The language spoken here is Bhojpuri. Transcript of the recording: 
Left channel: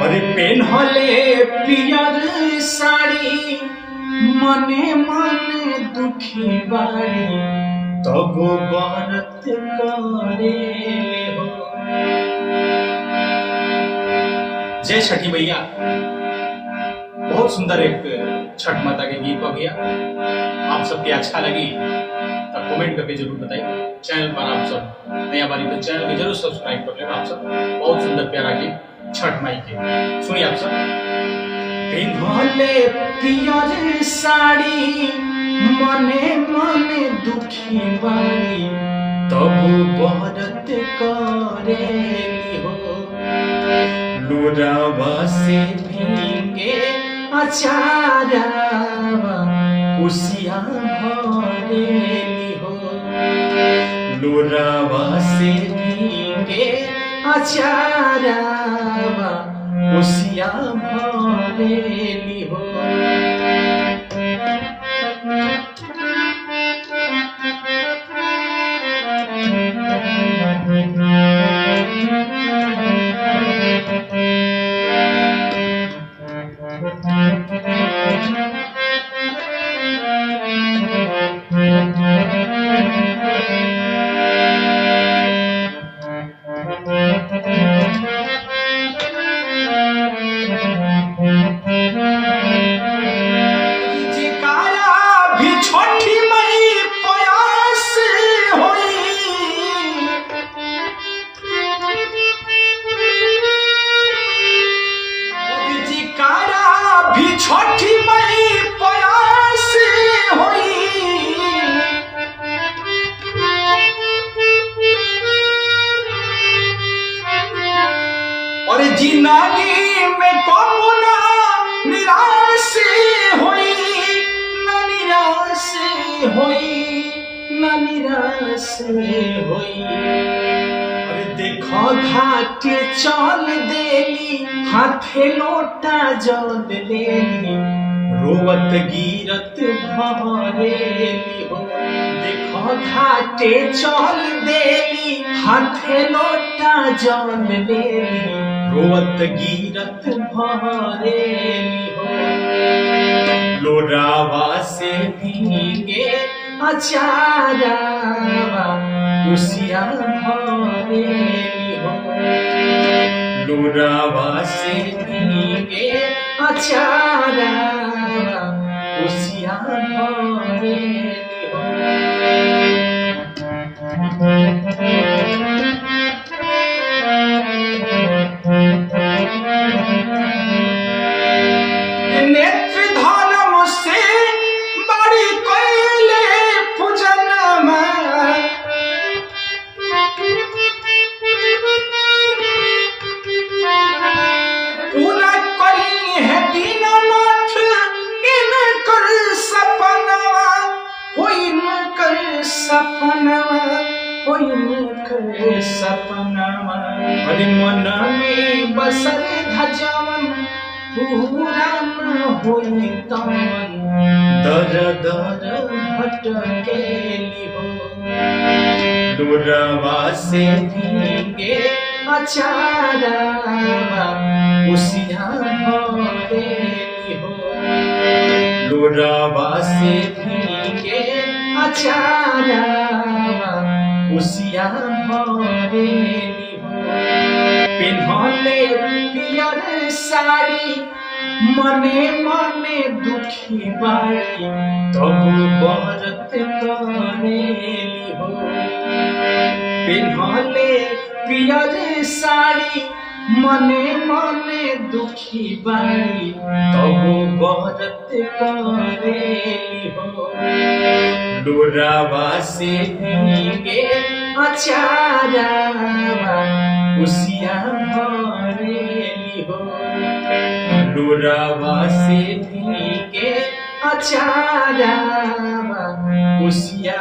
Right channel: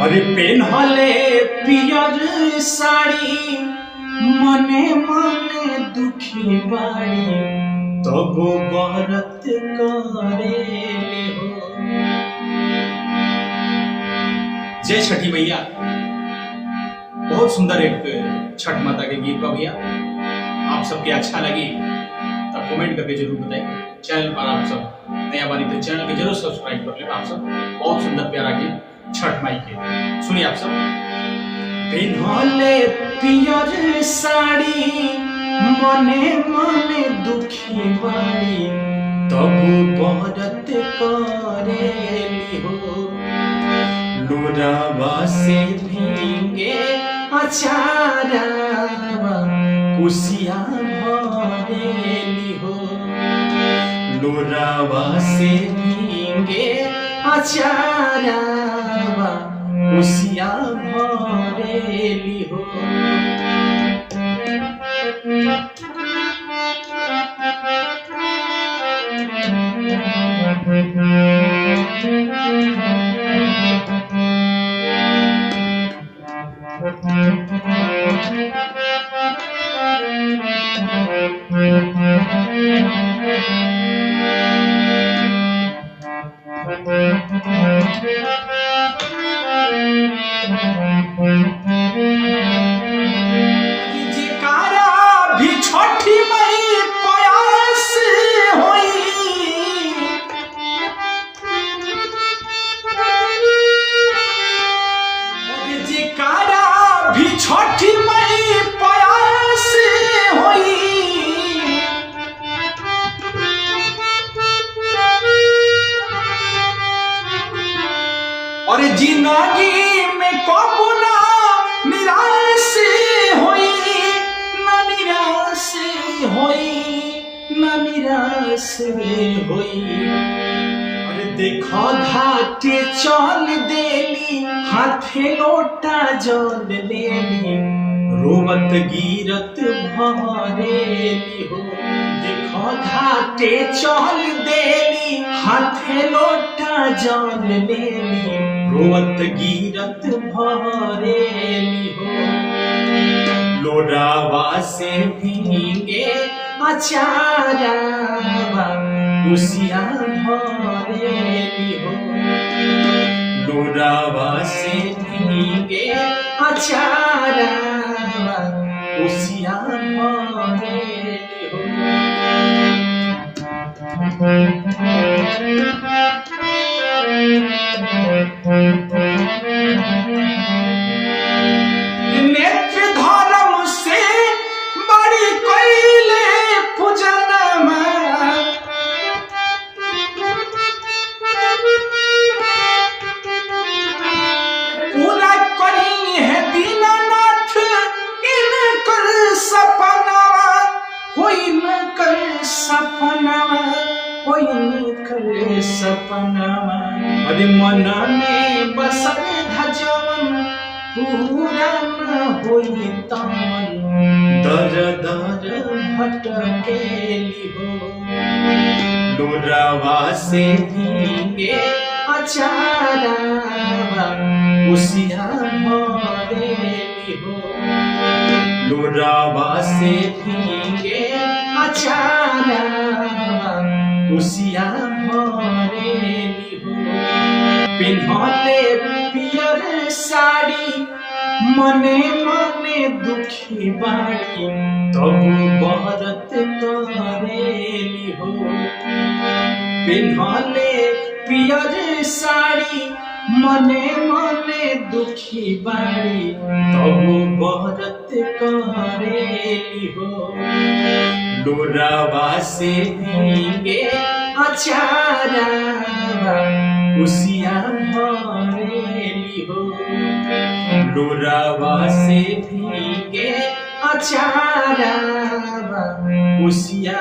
और पेन्हले पियर साड़ी मने मने दुखी बाड़ी तब व्रत करे हो। जय छठी मैया। बहुत सुंदर एक छठ माता के गीत हो गया। आप सबके अच्छा लगी तब कमेंट करके जरूर बताइए। चैनल पर आप सब नया बारी तो चैनल के जरूर सब्सक्राइब कर लेना। आप सब बहुत सुंदर प्यारा गीत छठ माई के सुनिए आप सब। पिन्हले पियर साड़ी मने मने दुखी बाड़ी तब व्रत करेली हो। लोरावा से भींगे अचारावा कुसिया भरेली हो। लोरावा से भींगे अचारावा कुसिया भरेली हो। छठी मई प्रयास होई और जिंदगी में कबो ना निराश होई ना निराश होई ना निराश होई। अरे देखो घाटे चल देली हाथे लोटा जल लेली रोवत गिरत भरेली हो। देखो घाटे चल देली हाथे लोटा जल लेली रोवत गिरत भरेली हो। लोरावा से भींगे अचारावा कुसिया भरेली हो। लोरावा से भींगे अचारावा कुसिया भरेली हो। नेत्र धर्म से बड़ी कोइले पूजनमा पूरा करी है दीनानाथ इनकर सपनावा हो इनकर सपनावा हो इनकर सपनावा। अरे मन में बसल धजवन पूरा न होई तमन दर दर भटकेली हो। लोरावा से भींगे अचारावा कुसिया भरेली हो। लोरावा से भींगे अचारावा कुसिया भरेली हो। पिन्हले पियर साड़ी मने मने दुखी बाड़ी तब व्रत करेली हो। पिन्हले पियर साड़ी मने मने दुखी बाड़ी तब व्रत करेली हो। लोरावा से भींगे अचारावा कुसिया भरेली हो। लोरावा से भींगे अचारावा कुसिया